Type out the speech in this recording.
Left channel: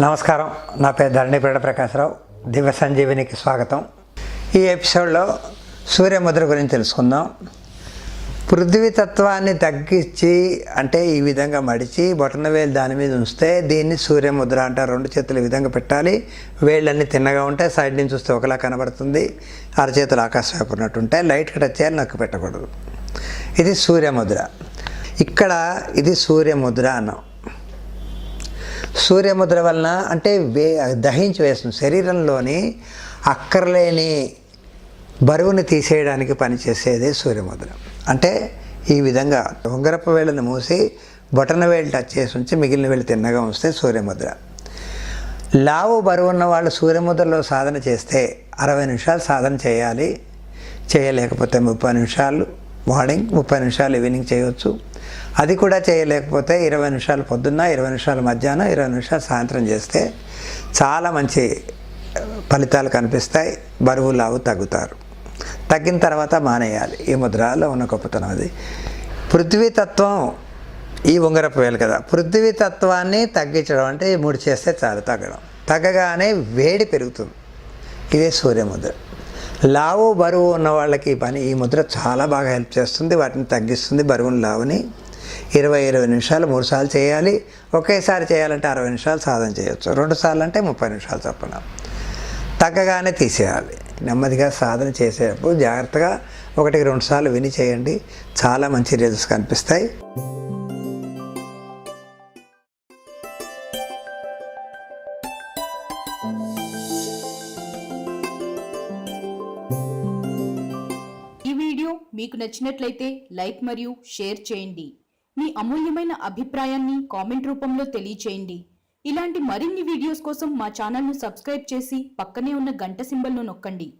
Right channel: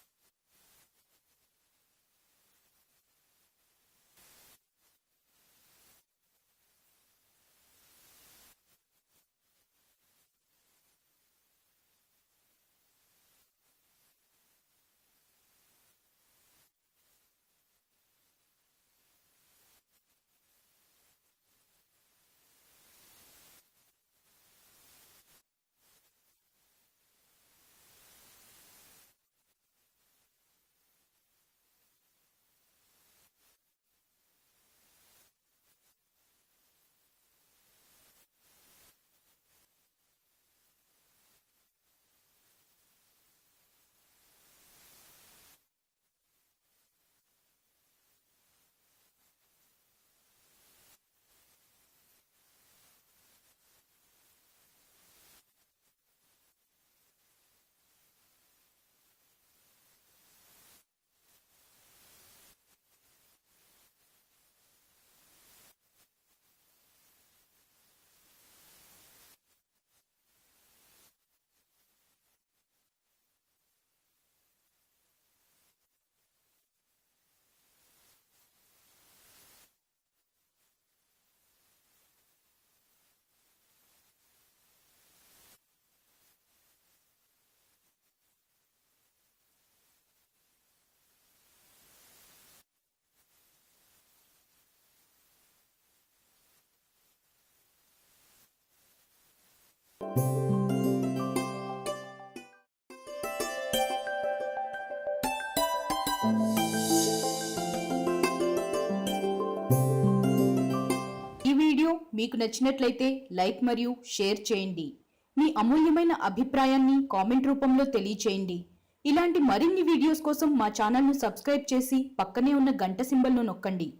నమస్కారం, నా పేరు ధరణిపేట ప్రకాశరావు. దివ్య సంజీవినికి స్వాగతం. ఈ ఎపిసోడ్లో సూర్యముద్ర గురించి తెలుసుకుందాం. పృథ్వీతత్వాన్ని తగ్గించి అంటే ఈ విధంగా మడిచి బొటనవేలు దాని మీద ఉంచితే దీన్ని సూర్యముద్ర అంటారు. రెండు చేతులు ఈ విధంగా పెట్టాలి. వేళ్ళన్నీ తిన్నగా ఉంటాయి. సైడ్ నుంచి చూస్తే ఒకలా కనబడుతుంది. అరచేతులు ఆకాశం వైపు ఉన్నట్టు ఉంటాయి. లైట్గా టచ్ చేయాలి, నొక్కి పెట్టకూడదు. ఇది సూర్యముద్ర. ఇక్కడ ఇది సూర్యముద్ర అన్నాం. సూర్యముద్ర వలన అంటే దహించి వేస్తుంది. శరీరంలోని అక్కర్లేని బరువుని తీసేయడానికి పనిచేసేదే సూర్యముద్ర. అంటే ఈ విధంగా ఉంగరపు వేళ్ళని మూసి బొటన వేళ్ళు టచ్ చేసి ఉంచి మిగిలిన వేళ్ళు తిన్నగా ఉంచితే సూర్యముద్ర. లావు బరువు ఉన్న వాళ్ళు సూర్యముద్రలో సాధన చేస్తే 60 నిమిషాలు సాధన చేయాలి. చేయలేకపోతే 30 నిమిషాలు మార్నింగ్, 30 నిమిషాలు ఈవినింగ్ చేయవచ్చు. అది కూడా చేయలేకపోతే 20 నిమిషాలు పొద్దున్న, 20 నిమిషాలు మధ్యాహ్నం, 20 నిమిషాలు సాయంత్రం చేస్తే చాలా మంచి ఫలితాలు కనిపిస్తాయి. బరువు లావు తగ్గుతారు. తగ్గిన తర్వాత మానేయాలి. ఈ ముద్రలో ఉన్న గొప్పతనం అది. పృథ్వీతత్వం ఈ ఉంగరపు వేలు కదా. పృథ్వీతత్వాన్ని తగ్గించడం అంటే ఈ 3 చేస్తే చాలు. తగ్గగానే వేడి పెరుగుతుంది. ఇదే సూర్యముద్ర. లావు బరువు ఉన్న వాళ్ళకి ఈ ముద్ర చాలా బాగా హెల్ప్ చేస్తుంది. వాటిని తగ్గిస్తుంది, బరువుని లావుని. 20 నిమిషాలు 3 సార్లు చేయాలి. ఒకేసారి చేయాలంటే 60 నిమిషాలు సాధన చేయొచ్చు. 2 సార్లు అంటే 30 నిమిషాలు చొప్పున. తగ్గగానే తీసేయాలి. నెమ్మదిగా సాధన చేసేటప్పుడు జాగ్రత్తగా 1-2 సార్లు విని చేయండి. చాలా మంచి రిజల్ట్స్ కనిపిస్తాయి. ఈ వీడియో మీకు నచ్చినట్లయితే లైక్ మరియు షేర్ చేయండి. మీ అమూల్యమైన అభిప్రాయాన్ని కామెంట్ రూపంలో తెలియచేయండి. ఇలాంటి మరిన్ని వీడియోస్ కోసం మా ఛానల్ను సబ్స్క్రైబ్ చేసి పక్కనే ఉన్న గంట సింబల్ను నొక్కండి.